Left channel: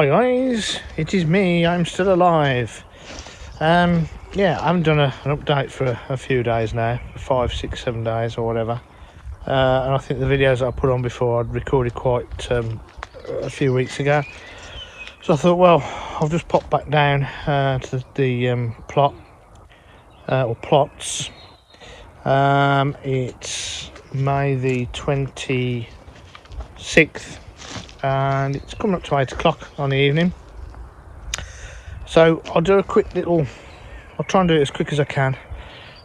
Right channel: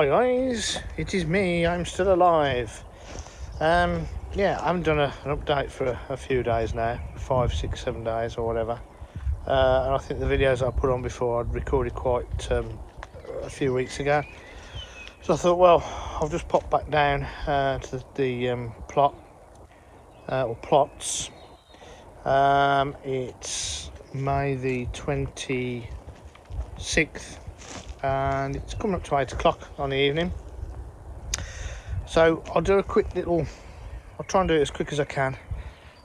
Hi guys, it is me, I'm still alive. Yeah, I haven't done an update for a few days now, 5, 6, 7 days or whatever. And I think the videos that I put on before I'd recorded quite a few weeks ago. So I thought, well, I'll just pop back down to the plot, or plots. It's May the 26th and it's coming up to 8 o'clock on the evening. So I'll do a quick little, I'll try and do it as quick as I can,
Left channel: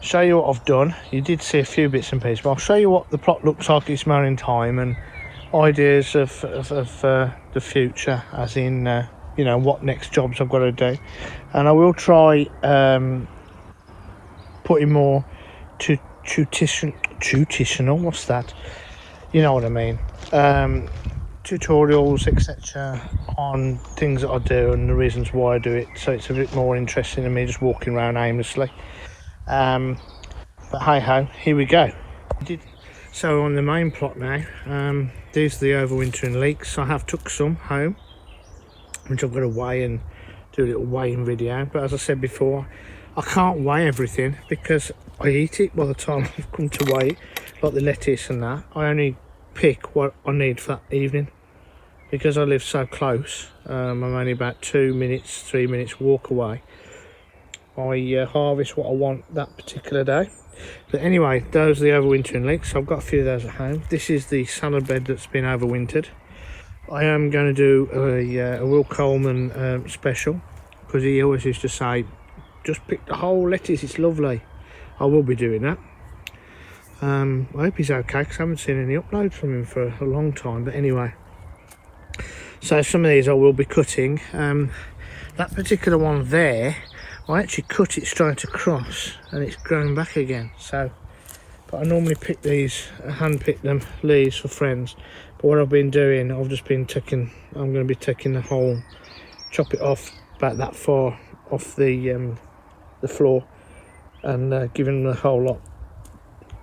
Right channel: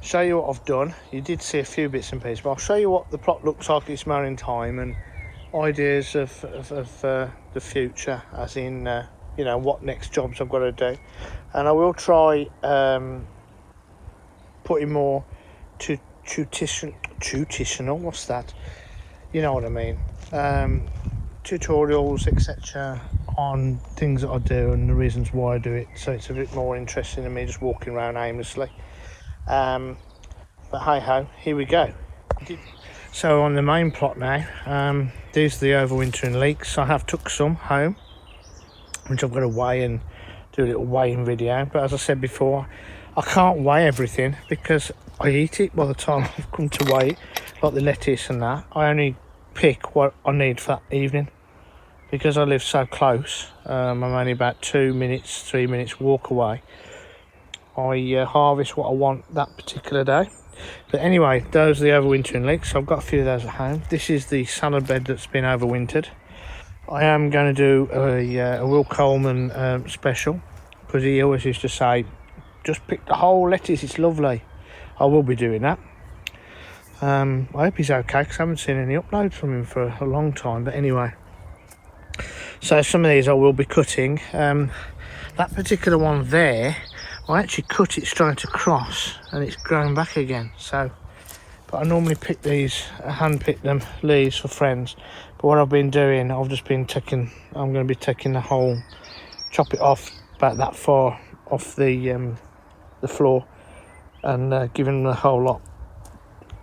show you what I've done. You did see a few bits and pieces, but I'll show you what the plot looks like at this moment in time and ideas of the future, as in you know, what next jobs I've got to do. And I will try putting more tutorial, what's that, you know what I mean, tutorials etc on things that I do and the reasons why I do it, so it's a bit more interesting than me just walking around aimlessly. But hey ho, here we go. So on the main plot now, these are the overwintering leeks. I have took some home which I've got to weigh and do a little weighing video, but as I said before, I can't weigh everything because I eat it by the time I've come to weigh it, like the lettuce and that. I only pick what I need for that evening because I live so close. I'm only about 2 minutes, 3 minutes walk away. I harvest what I want that particular day. But anyway, those are the overwintering leeks. So I've got a few of those at home. This is the salad bed that's been overwintered. I am going to do a Will Coleman special, because he always used to say, just pick the whole lettuce, it's lovely. I will be doing that. I hope he's okay, because I haven't seen any uploads from him for a long time. But anyway, so some of these I will be cutting. That particular one there, I actually cut it straight across and it's grown back again. So, but I normally pick these, hand pick them, leaves for friends. But what I've been doing, I've just been taking, I'm going to be taking the whole, chop it off about that far off the floor, and giving the whole lot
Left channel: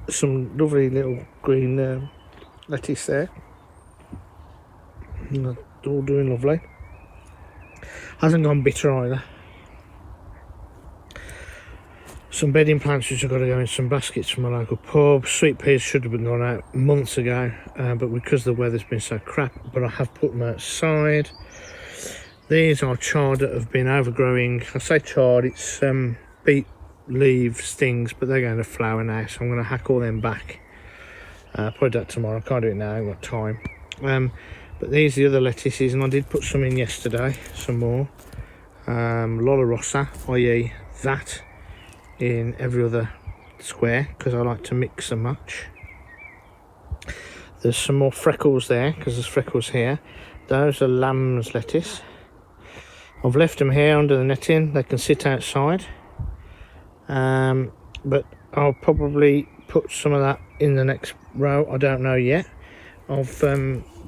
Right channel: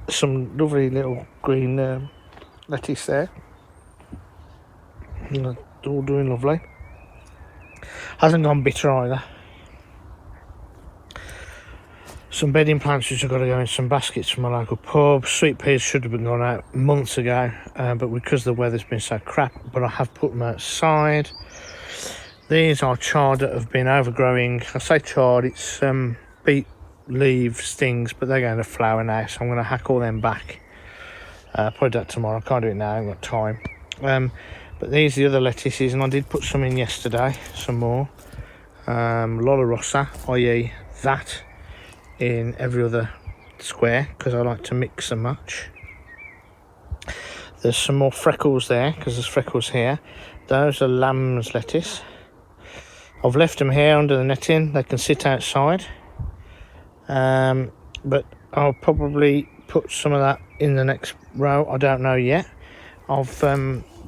some lovely little green lettuce there. And it's all doing lovely. Hasn't gone bitter either. Some bedding plants which I've got to go in some baskets from my local pub. Sweet peas should have been gone out months ago, but because the weather's been so crap, but I have put them outside. These are chard that have been overgrowing. I say chard, it's beet leaf stings, but they're going to flower now, so I'm going to hack all them back. Probably do that tomorrow. I can't do it now, I haven't got time. But these are the other lettuces, and I did put some in yesterday, some more. Lola Rossa, i.e. that, in every other square, because I like to mix and match. There's some more freckles there, because there's freckles here. Those are lamb's lettuce. I've left them here under the netting, they can sit outside. But I'll probably put some of that in the next row, I don't know yet. I've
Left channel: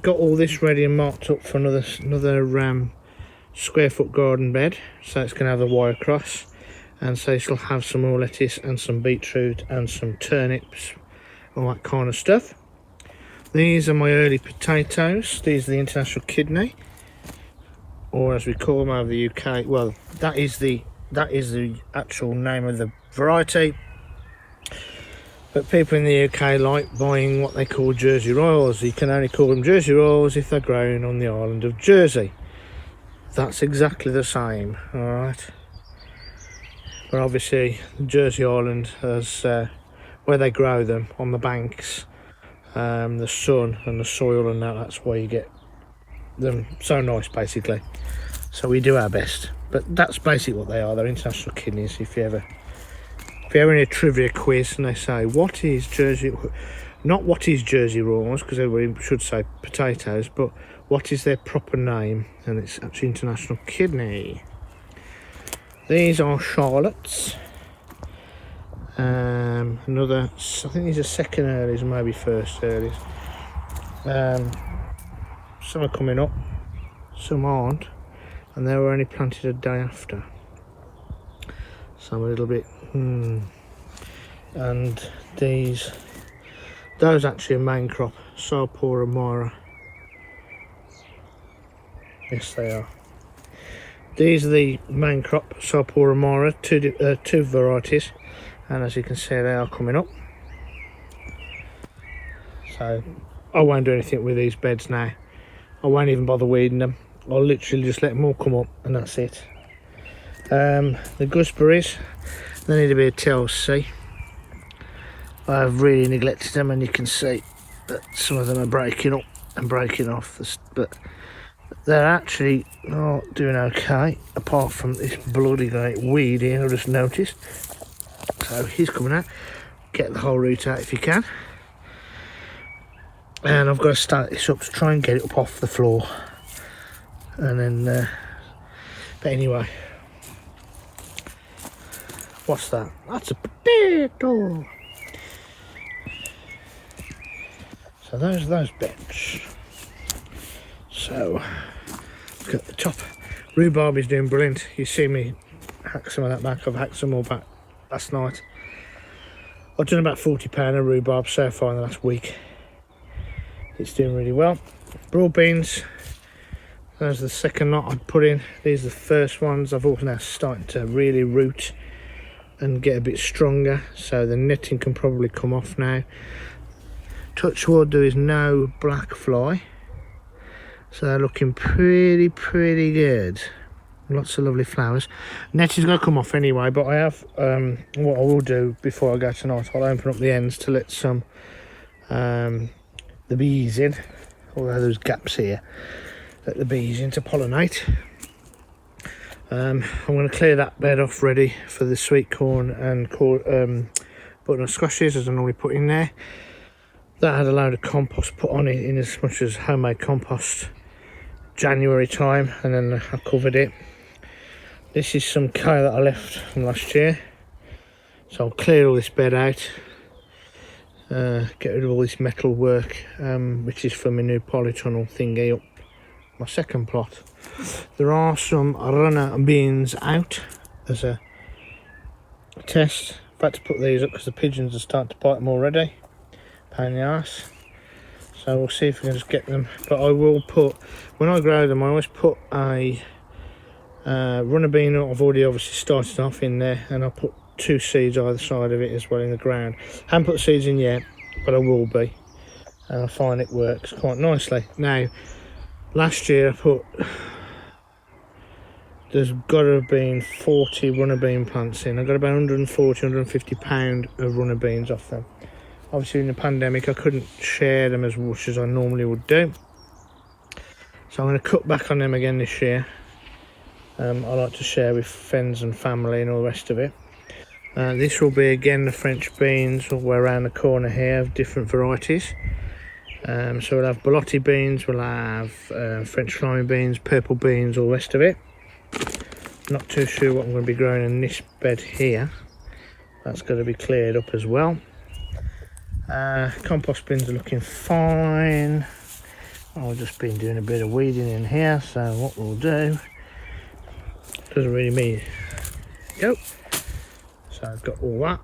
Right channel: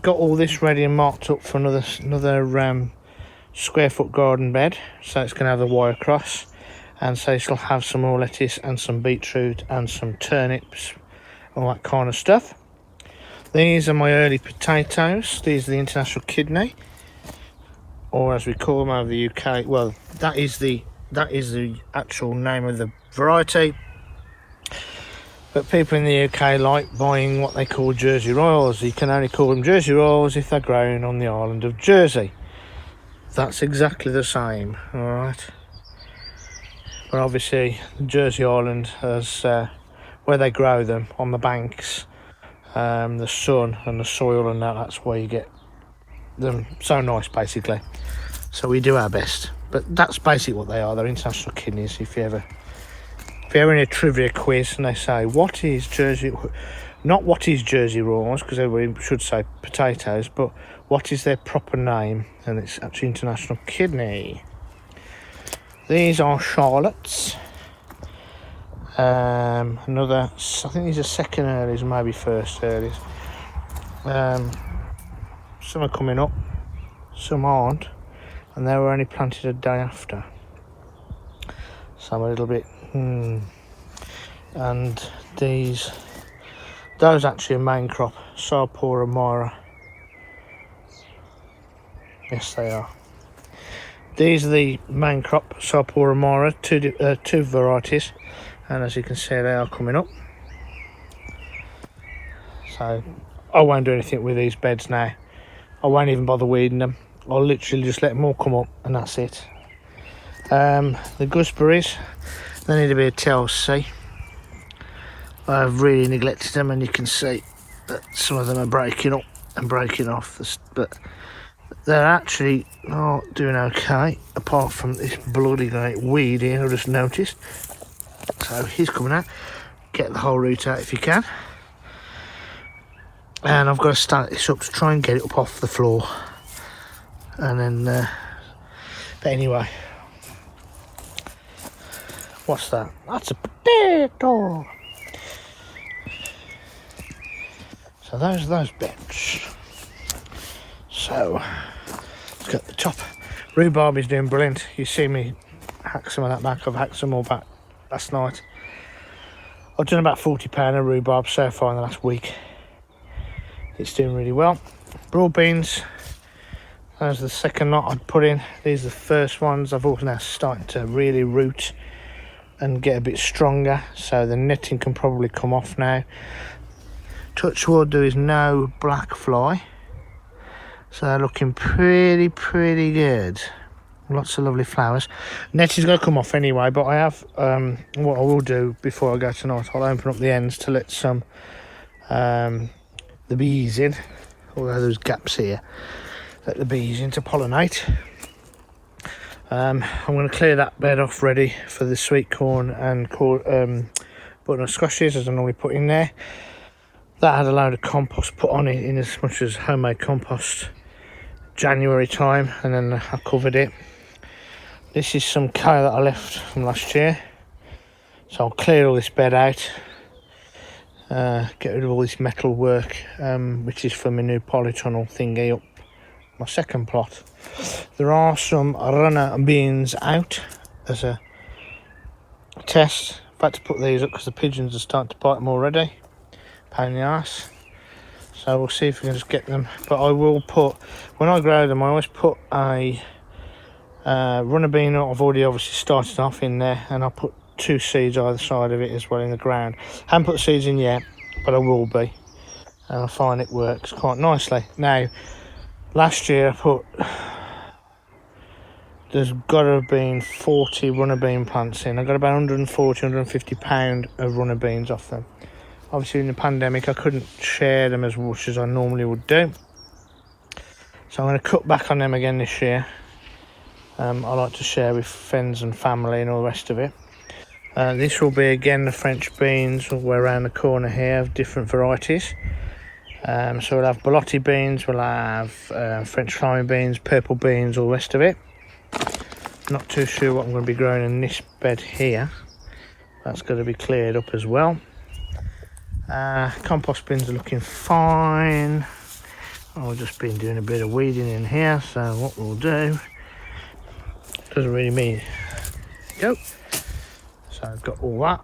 got all this ready and marked up for another square foot garden bed, so it's going to have the wire across, and so it'll have some more lettuce and some beetroot and some turnips, all that kind of stuff. These are my early potatoes. These are the international kidney, or as we call them over the UK, well, that is the actual name of the variety. But people in the UK like buying what they call Jersey Royals. You can only call them Jersey Royals if they're grown on the island of Jersey. That's exactly the same, alright. But obviously Jersey Island has where they grow them on the banks, the sun and the soil and that's where you get them so nice basically. So we do our best. But that's basically what they are. They're international kidneys. If you're in a trivia quiz and they say what is Jersey, not what is Jersey Royals, because everybody should say potatoes, but what is their proper name, and it's actually international kidney. These are Charlottes. Another, I think these are second earlies, maybe first earlies. Some are coming up, some aren't, and they were only planted a day after. So I'm a little bit, and those actually are main crop, Sarpora Mara. Yes, they are. These are the main crop, Sarpora Mara, two varieties, and as you can see they are coming up. So I won't do anything with these beds now. I won't even bother weeding them. I'll literally just let them all come up and that's it. The gooseberries, they need a bit of TLC. I've really neglected them, and you can see that some of them are breaking up and breaking off, but they're actually not doing okay, apart from this bloody great weed here I just noticed. So he's coming out. Get the whole root out if you can. And I've got to stand this up to try and get it up off the floor. And then, but anyway. What's that? That's a potato. So those bits. So let's get the top. Rhubarb is doing brilliant. You see me hack some of that back. I've hacked some more back last night. I've done about £40 of rhubarb so far in the last week. It's doing really well. Broad beans, there's the second lot I'd put in. These are the first ones. I've also now started to really root and get a bit stronger, so the netting can probably come off now. Touch wood, there is no black fly, so they're looking pretty good. Lots of lovely flowers. Net is going to come off anyway, but I have what I will do before I go tonight, I'll open up the ends to let some the bees in, although there's gaps here. Let the bees in to pollinate. I'm going to clear that bed off ready for the sweet corn and butternut squashes, as I normally put in there. That had a load of compost put on it, in as much as homemade compost, January time, and then I covered it. This is some kale that I left from last year, so I'll clear all this bed out, get rid of all this metal work, which is for my new polytunnel thingy up my second plot. There are some runner beans out as a test. I've had to put these up because the pigeons are starting to bite them already. Pain in the ass. So we'll see if we can just get them. But I will put, when I grow them, I always put a runner bean that I've already obviously started off in there, and I'll put 2 seeds either side of it as well in the ground. Haven't put the seeds in yet, but I will be, and I find it works quite nicely. Now, last year I put, there's got to have been 40 runner bean plants in. I got about 140, 150 pound of runner beans off them. Obviously in the pandemic I couldn't share them as much as I normally would do, so I'm going to cut back on them again this year. I like to share with friends and family and all the rest of it. This will be again the French beans. We're around the corner here of different varieties. So we'll have Bolotti beans, we'll have French climbing beans, purple beans, all the rest of it. Not too sure what I'm going to be growing in this bed here. That's going to be cleared up as well. Compost bins are looking fine. I've just been doing a bit of weeding in here, so what we'll do, doesn't really mean go. So I've got all that.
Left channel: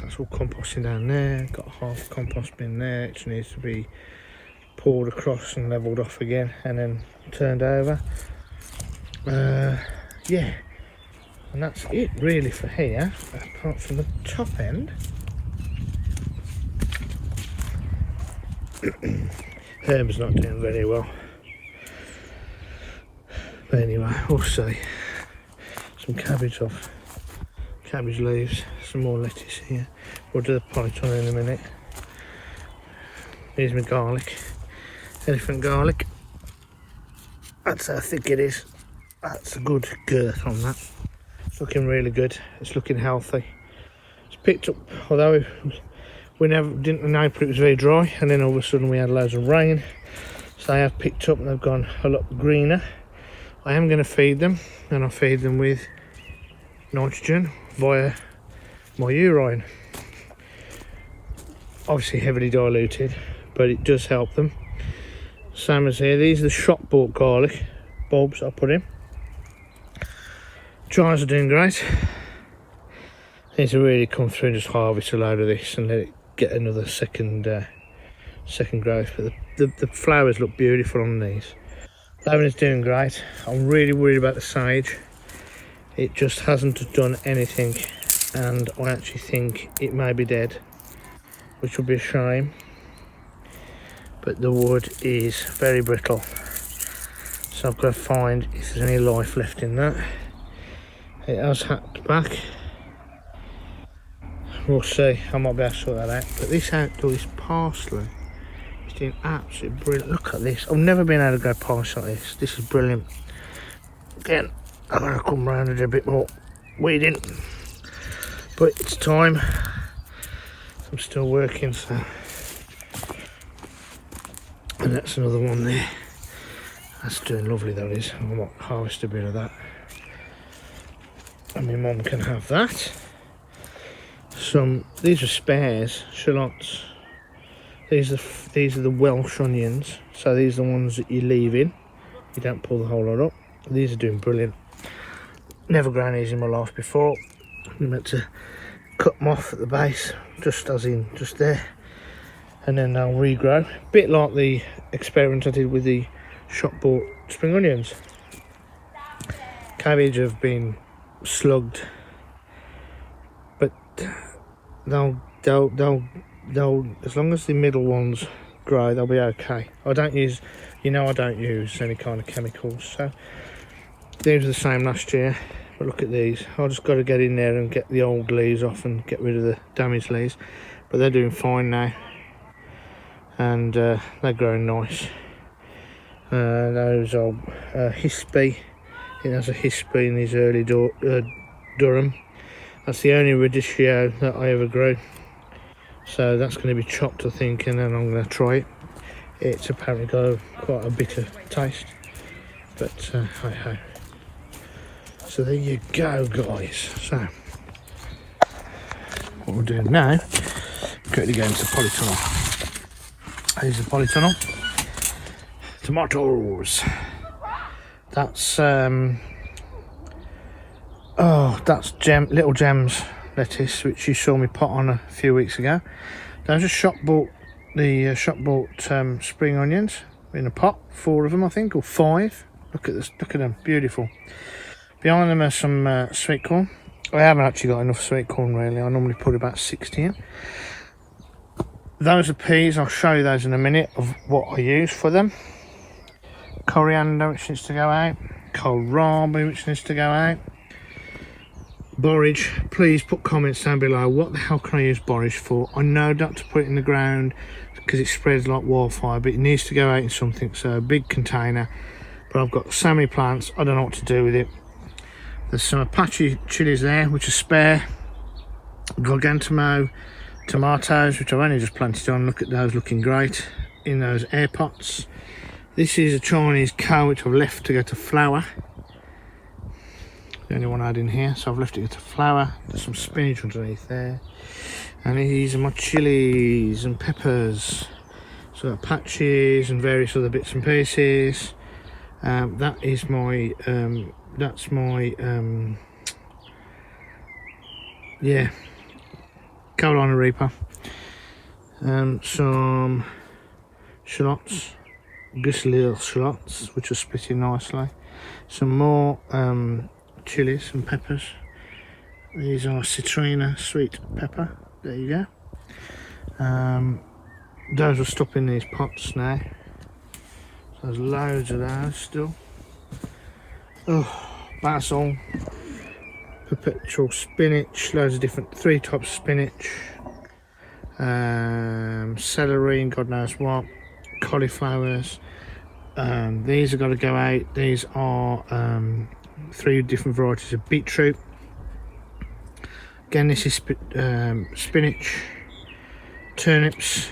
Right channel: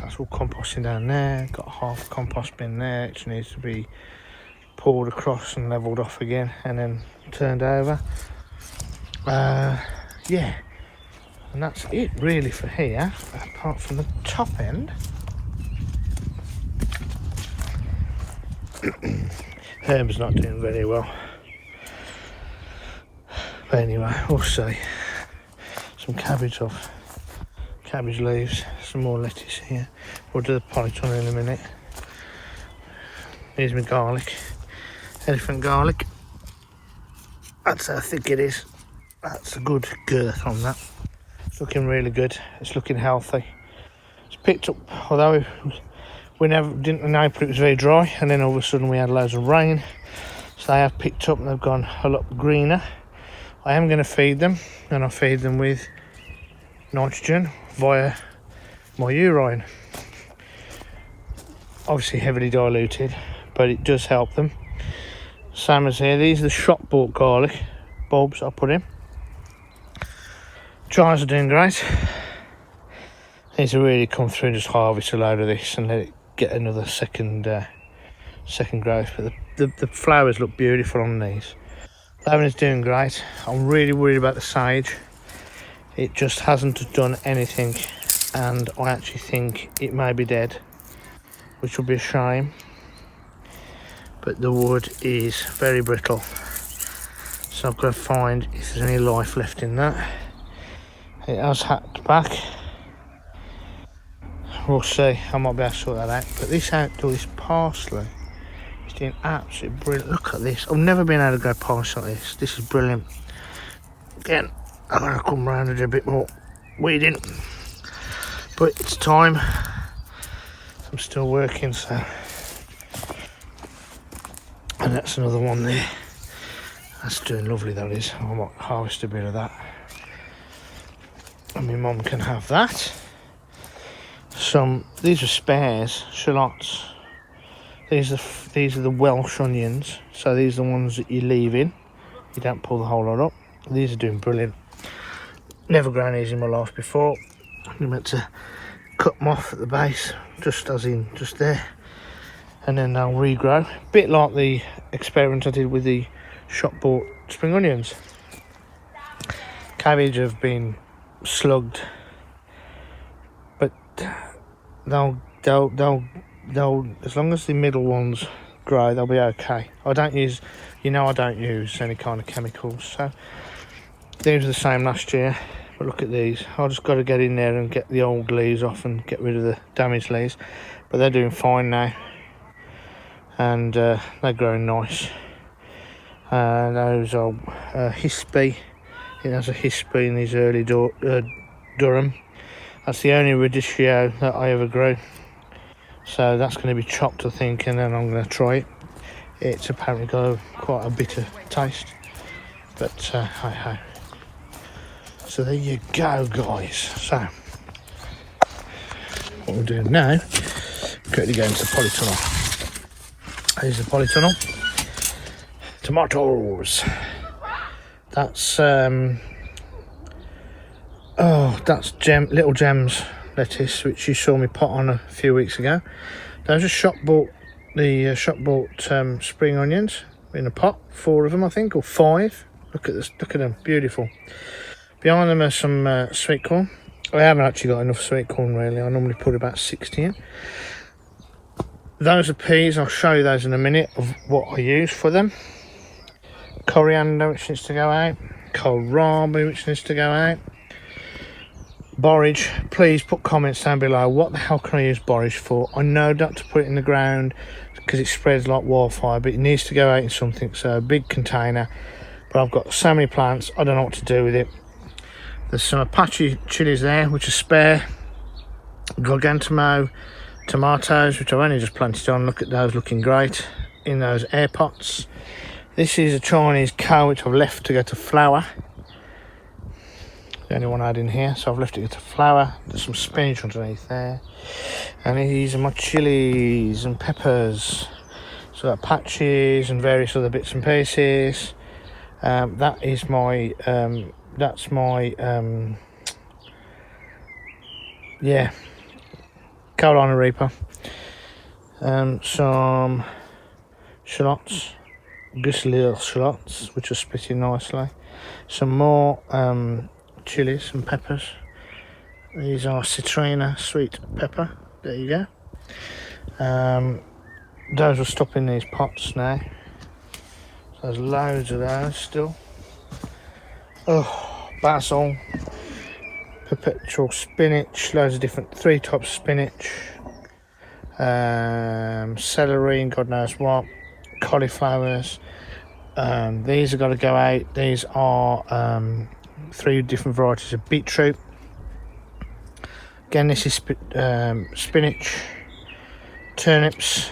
That's all composting down there. Got half a compost bin there, which needs to be pulled across and levelled off again and then turned over. Yeah, and that's it really for here, apart from the top end. Herb's not doing very well, but anyway, we'll see. Some cabbage off, cabbage leaves, some more lettuce here. We'll do the polytunnel in a minute. Here's my garlic, elephant garlic. That's how thick it is. That's a good girth on that. It's looking really good. It's looking healthy. It's picked up, although we never didn't know, but it was very dry, and then all of a sudden we had loads of rain, so they have picked up and they've gone a lot greener. I am going to feed them, and I feed them with nitrogen via my urine. Obviously heavily diluted, but it does help them. Same as here, these are the shop bought garlic bulbs I put in. Chives are doing great. Need to really come through and just harvest a load of this and let it get another second growth. But the flowers look beautiful on these. Lemon is doing great. I'm really worried about the sage. It just hasn't done anything, and I actually think it may be dead, which would be a shame. But the wood is very brittle, so I've got to find if there's any life left in that. It has hacked back. We'll see, I might be able to sort that out. But this outdoor, this parsley, is doing absolutely brilliant. Look at this, I've never been able to grow parsley like this. This is brilliant. Again, I'm going to come round and do a bit more weeding, but it's time. I'm still working, so. And that's another one there. That's doing lovely, that is. I might harvest a bit of that. And my mum can have that. These are spares, shallots. These are the Welsh Onions. So these are the ones that you leave in. You don't pull the whole lot up. These are doing brilliant. Never grown these in my life before. I'm meant to cut them off at the base, just there. And then they'll regrow. A bit like the experiment I did with the shop bought spring onions. Cabbage have been slugged, but they'll as long as the middle ones grow, they'll be okay. I don't use any kind of chemicals, so these were the same last year. But look at these, I just got to get in there and get the old leaves off and get rid of the damaged leaves, but they're doing fine now, and they're growing nice. Those are Hispy. I think that's a Hispy in these early Durham. That's the only radicchio that I ever grew, so that's going to be chopped, I think, and then I'm going to try it. It's apparently got quite a bitter taste, but hi ho. So there you go, guys. So what we'll do now, quickly go into Polytunnel. Here's the Polytunnel. Tomatoes. That's Little Gems lettuce, which you saw me pot on a few weeks ago. Those are shop bought spring onions in a pot, 4 of them I think, or 5. Look at this, look at them, beautiful. Behind them are some sweet corn. I haven't actually got enough sweet corn really. I normally put about 60 in. Those are peas. I'll show you those in a minute of what I use for them. Coriander, which needs to go out. Kohlrabi, which needs to go out. Borage, please put comments down below. What the hell can I use borage for? I know not to put it in the ground because it spreads like wildfire, but it needs to go out in something, so a big container. But I've got so many plants, I don't know what to do with it. There's some Apache chilies there, which are spare. Gargantumo tomatoes, which I've only just planted on. Look at those, looking great in those air pots. This is a Chinese cow, which I've left to go to flower. The only one I had in here, so I've left it to flower. There's some spinach underneath there. And these are my chilies and peppers. So Apaches and various other bits and pieces. That is my that's my Carolina Reaper. Some shallots, Gooseberries shallots, which are splitting nicely. Some more chilies and peppers. These are citrina sweet pepper. There you go. Those will stop in these pots now. There's loads of those still. Oh, basil, perpetual spinach, loads of different 3 types of spinach, celery and God knows what, cauliflowers. These have got to go out. These are 3 different varieties of beetroot. Again, this is spinach, turnips.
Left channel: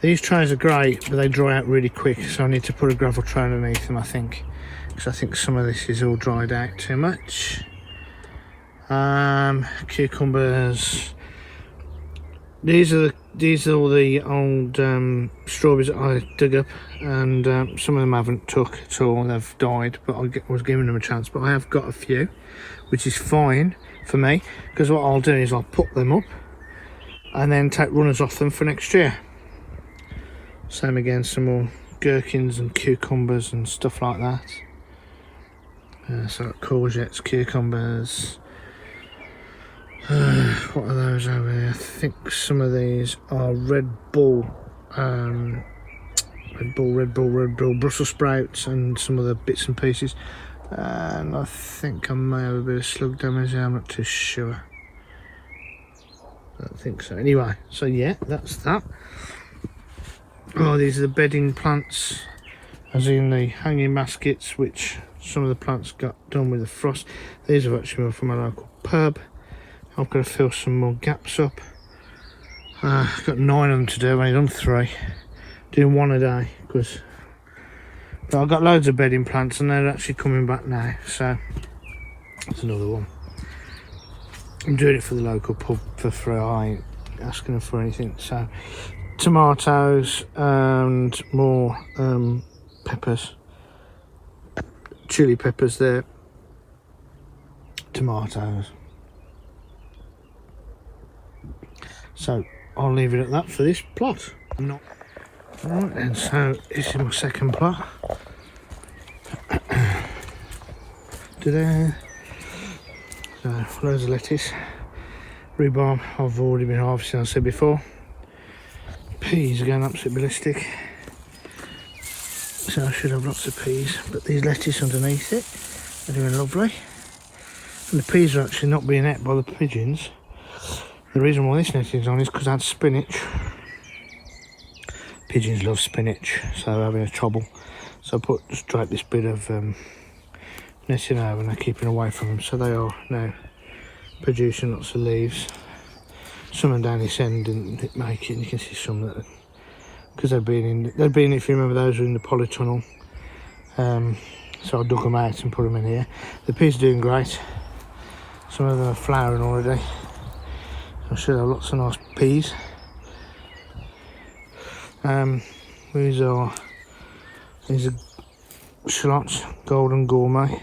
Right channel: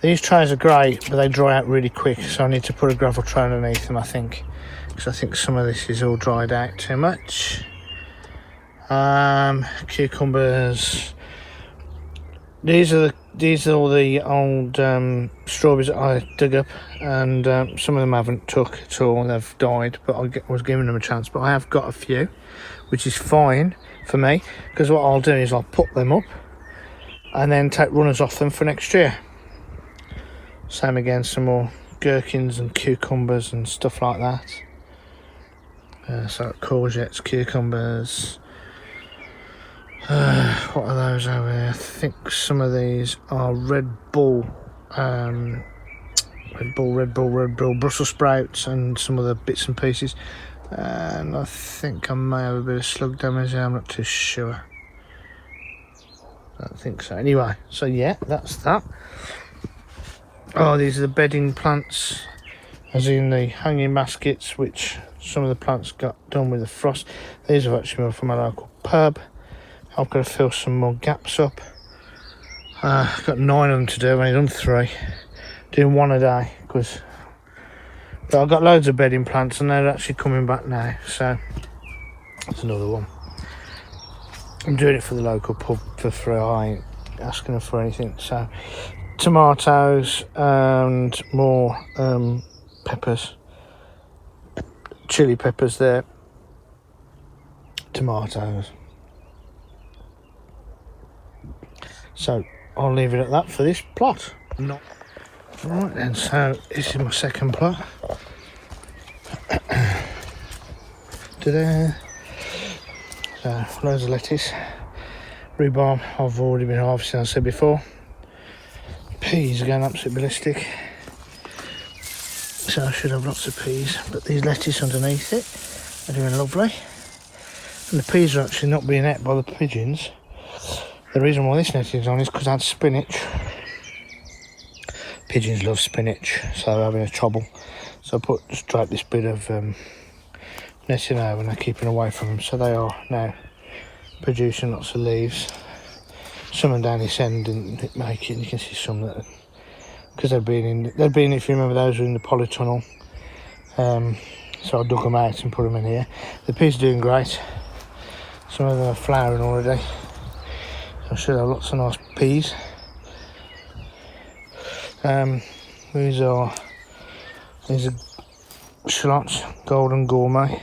These trays are great, but they dry out really quick, so I need to put a gravel tray underneath them, I think, because I think some of this is all dried out too much. Cucumbers. These are all the old strawberries that I dug up, and some of them haven't took at all, they've died, but I was giving them a chance. But I have got a few, which is fine for me, because what I'll do is I'll put them up and then take runners off them for next year. Same again, some more gherkins and cucumbers and stuff like that. So courgettes, cucumbers. What are those over here? I think some of these are Red Bull, Red Bull, Brussels sprouts, and some other bits and pieces. And I think I may have a bit of slug damage there, I'm not too sure. I don't think so. Anyway, so yeah, that's that. Oh, these are the bedding plants, as in the hanging baskets, which some of the plants got done with the frost. These have actually been from my local pub. I've got to fill some more gaps up. I've got 9 of them to do, I've only done 3. Doing 1 a day, because I've got loads of bedding plants and they're actually coming back now, so that's another one. I'm doing it for the local pub for free, I ain't asking them for anything. So tomatoes and more peppers, chili peppers there, tomatoes. So I'll leave it at that for this plot. Right then, so this is my second plot. There. So loads of lettuce, rhubarb I've already been harvesting, as I said before. Peas are going absolutely ballistic, so I should have lots of peas, but these lettuce underneath it are doing lovely. And the peas are actually not being ate by the pigeons. The reason why this netting is on is because I had spinach. Pigeons love spinach, so they're having a trouble. So I just drape this bit of netting over and they're keeping away from them. So they are now producing lots of leaves. Some of them down this end didn't make it, and you can see some that, because they've been, if you remember, those were in the Polytunnel. So I dug them out and put them in here. The peas are doing great. Some of them are flowering already. I should have lots of nice peas. These are shallots, golden gourmet.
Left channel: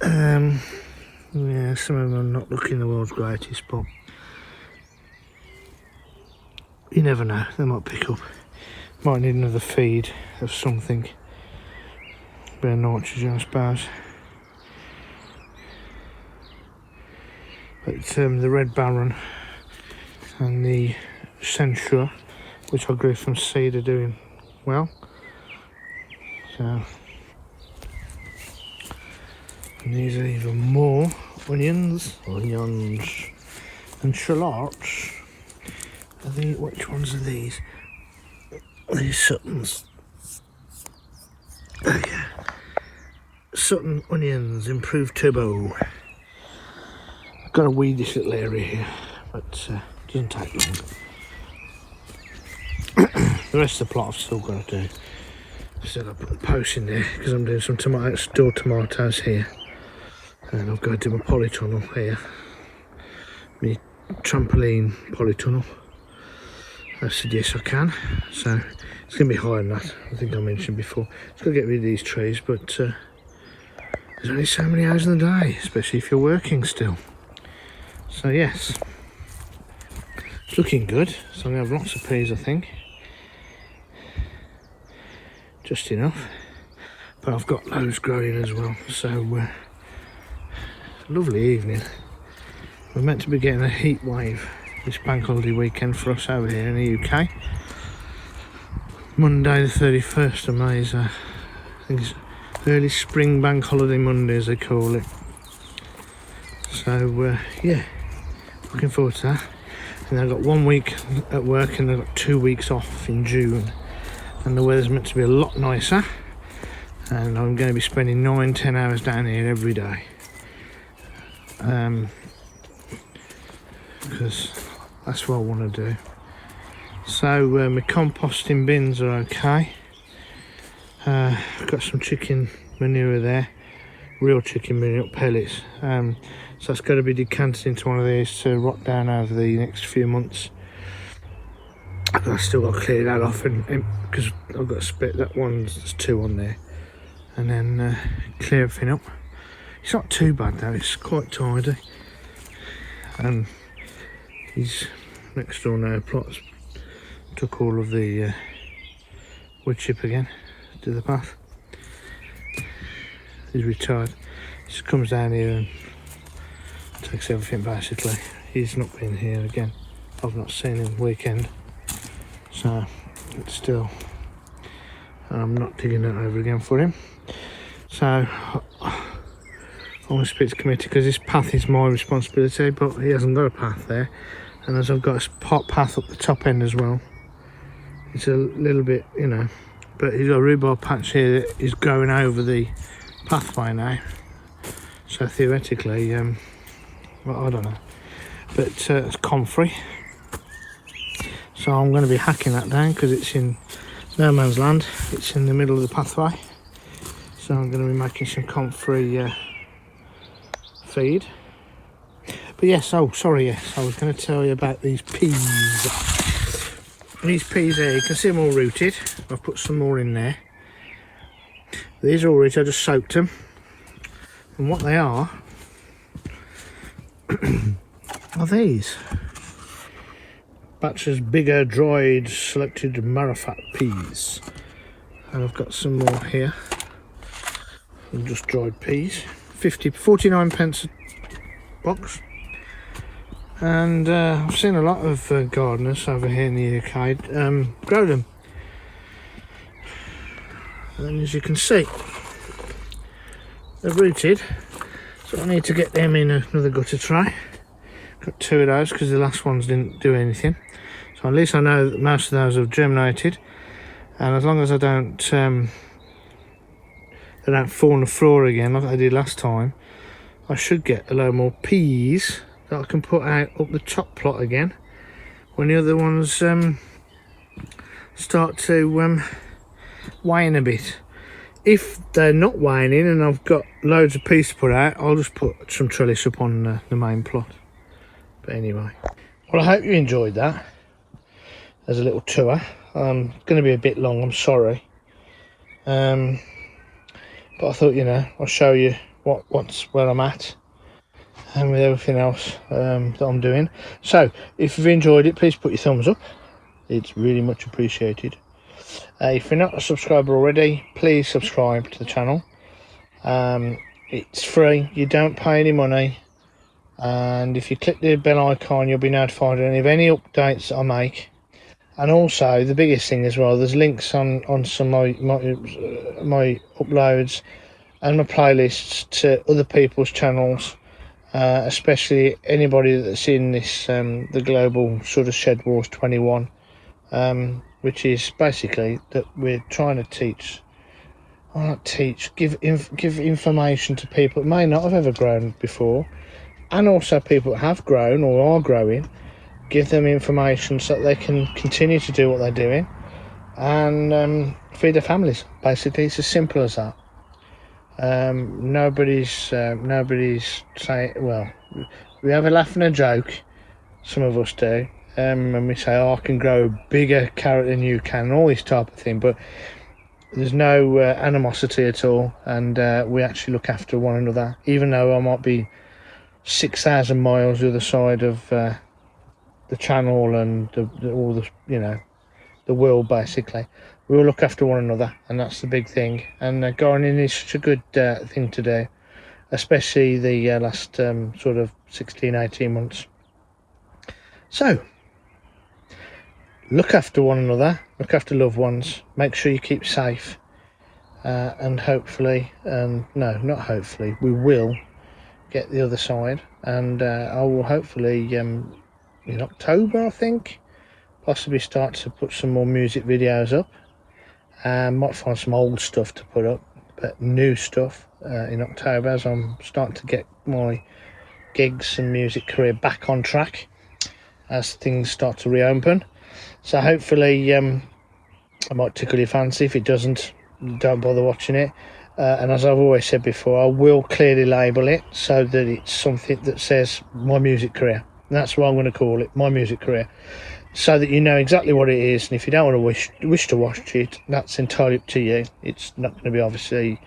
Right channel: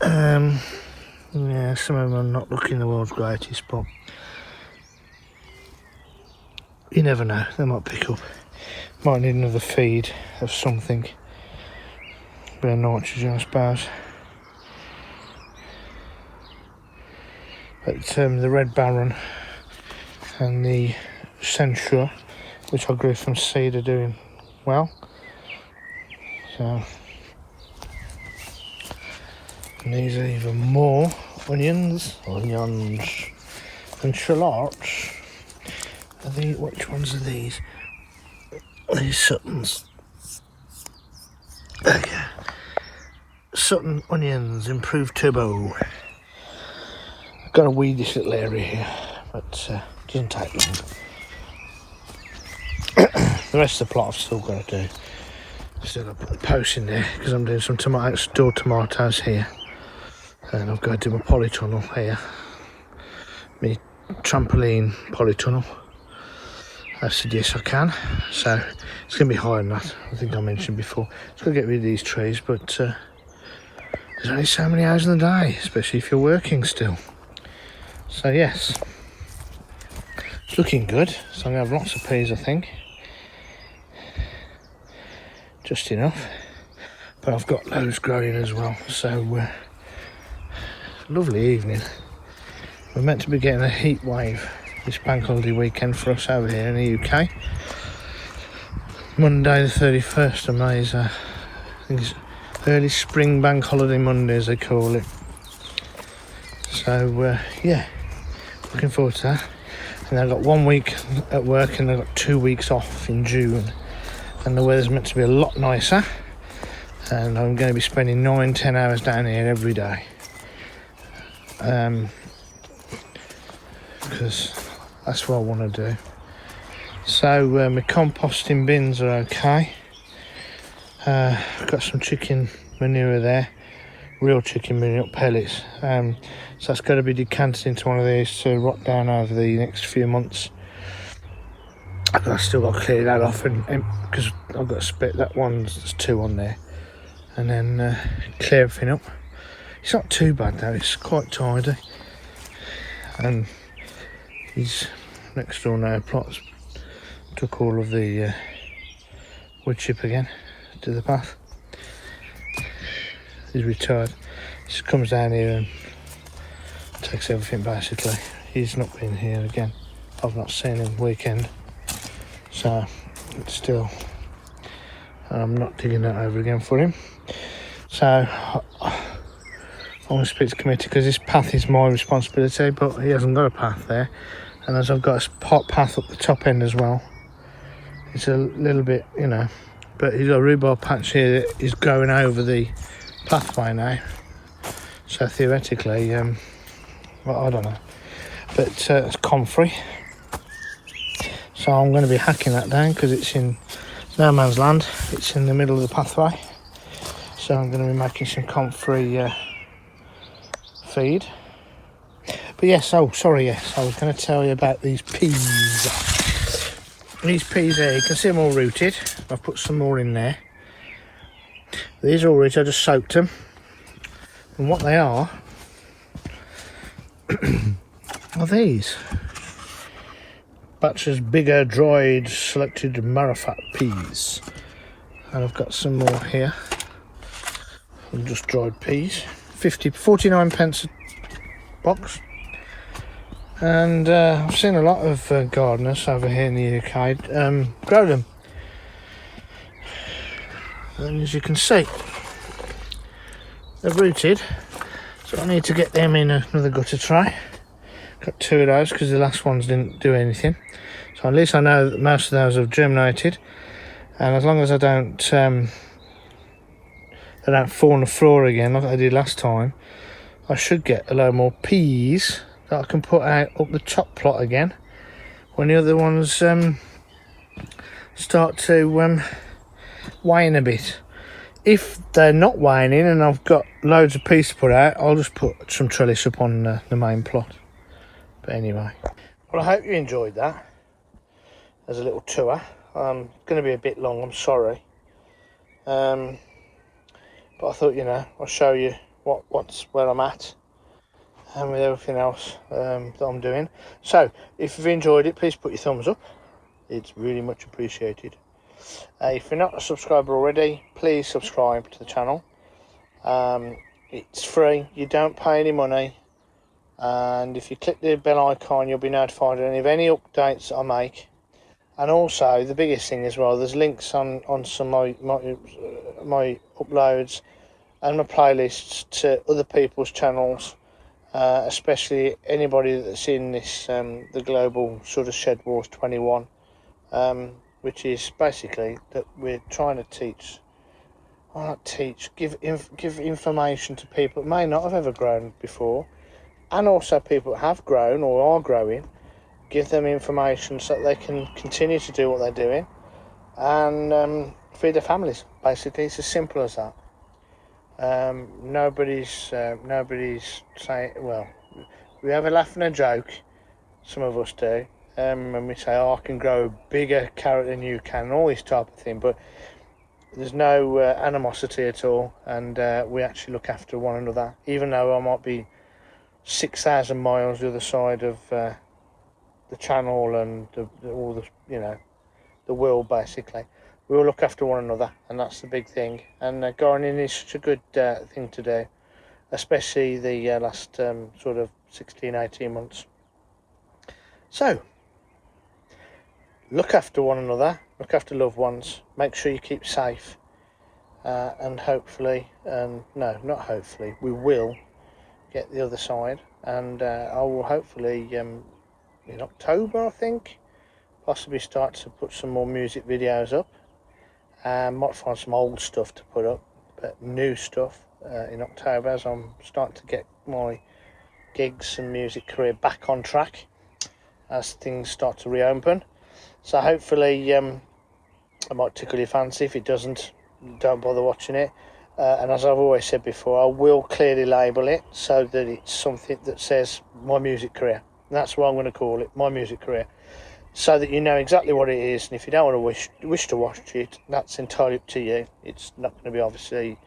Yeah, some of them are not looking the world's greatest, but you never know, they might pick up. Might need another feed of something. Bit of nitrogen, I suppose. But the Red Baron and the Censure, which I grew from seed, are doing well. So, and these are even more onions and shallots. Which ones are these? These Suttons. There you go. Sutton onions, improved turbo. I've got to weed this little area here, but it doesn't take long. The rest of the plot I've still got to do. Still got to put the posts in there because I'm doing some store tomatoes here, and I've got to do my polytunnel here, my trampoline polytunnel. I said yes I can, so it's going to be higher than that. I think I mentioned before. It's going to get rid of these trees, but there's only so many hours in the day, especially if you're working still. So yes, it's looking good. So I'm going to have lots of peas, I think. Just enough, but I've got loads growing as well. So lovely evening. We're meant to be getting a heat wave this bank holiday weekend for us over here in the UK. Monday the 31st of May is I think it's early spring bank holiday Monday, as they call it. So yeah, looking forward to that. And I've got 1 week at work and I've got 2 weeks off in June. And the weather's meant to be a lot nicer, and I'm going to be spending 9-10 hours down here every day, because that's what I want to do. So my composting bins are okay. I've got some chicken manure there, real chicken manure, not pellets. So that's got to be decanted into one of these to rot down over the next few months. I've still got to clear that off, and because I've got to split that one, there's 2 on there, and then clear everything up. It's not too bad though, it's quite tidy. And these next door now plots took all of the wood chip again to the path. he's retired. He just comes down here and takes everything basically. He's not been here again. I've not seen him weekend, so it's still, I'm not digging that over again for him. So I want to speak to committee because this path is my responsibility, but he hasn't got a path there, and as I've got a path up the top end as well, it's a little bit, you know, but he's got a rhubarb patch here that is going over the pathway now, so theoretically well, I don't know, but it's comfrey, so I'm going to be hacking that down because it's in no man's land. It's in the middle of the pathway, so I'm going to be making some comfrey feed. But yes, oh sorry, yes, I was going to tell you about these peas. These peas here, you can see them all rooted. I've put some more in there. These are all rooted, I just soaked them, and what they are these Batcher's bigger dried selected marrowfat peas, and I've got some more here, just dried peas, 49 pence a box. And I've seen a lot of gardeners over here in the UK grow them, and as you can see they're rooted, so I need to get them in another gutter tray. Got 2 of those because the last ones didn't do anything, so at least I know that most of those have germinated, and as long as I don't they don't fall on the floor again like I did last time, I should get a load more peas that I can put out up the top plot again when the other ones start to wane a bit. If they're not waning and I've got loads of peas to put out, I'll just put some trellis up on the main plot. But anyway, well, I hope you enjoyed that as a little tour. It's going to be a bit long, I'm sorry, but I thought, you know, I'll show you where I'm at and with everything else that I'm doing. So if you've enjoyed it, please put your thumbs up, it's really much appreciated. If you're not a subscriber already, please subscribe to the channel. It's free, you don't pay any money, and if you click the bell icon you'll be notified of any updates that I make. And also the biggest thing as well, there's links on some of my uploads and my playlists to other people's channels, especially anybody that's in this the global sort of SHEDWARS21, which is basically that we're trying to give information to people that may not have ever grown before, and also people that have grown or are growing, give them information so that they can continue to do what they're doing and feed their families. Basically, it's as simple as that. Nobody's saying, well, we have a laugh and a joke, some of us do, and we say, oh, I can grow a bigger carrot than you can, and all this type of thing, but there's no animosity at all, and we actually look after one another, even though I might be 6,000 miles the other side of the channel and all the, you know, the world. Basically we all look after one another, and that's the big thing. And gardening is such a good thing to do, especially the last sort of 16-18 months. So look after one another, look after loved ones, make sure you keep safe, and hopefully, no, not hopefully, we will get the other side, and I will hopefully in October, I think, possibly start to put some more music videos up. Might find some old stuff to put up, but new stuff in October, as I'm starting to get my gigs and music career back on track as things start to reopen. So hopefully I might tickle your fancy. If it doesn't, don't bother watching it. And as I've always said before, I will clearly label it so that it's something that says my music career. And that's what I'm going to call it, my music career, so that you know exactly what it is. And if you don't want to wish to watch it, that's entirely up to you. It's not going to be obviously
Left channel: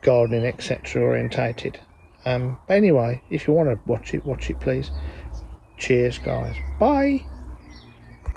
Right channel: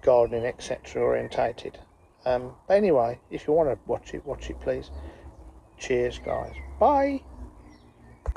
gardening, etc. orientated. But anyway, if you want to watch it please. Cheers, guys. Bye.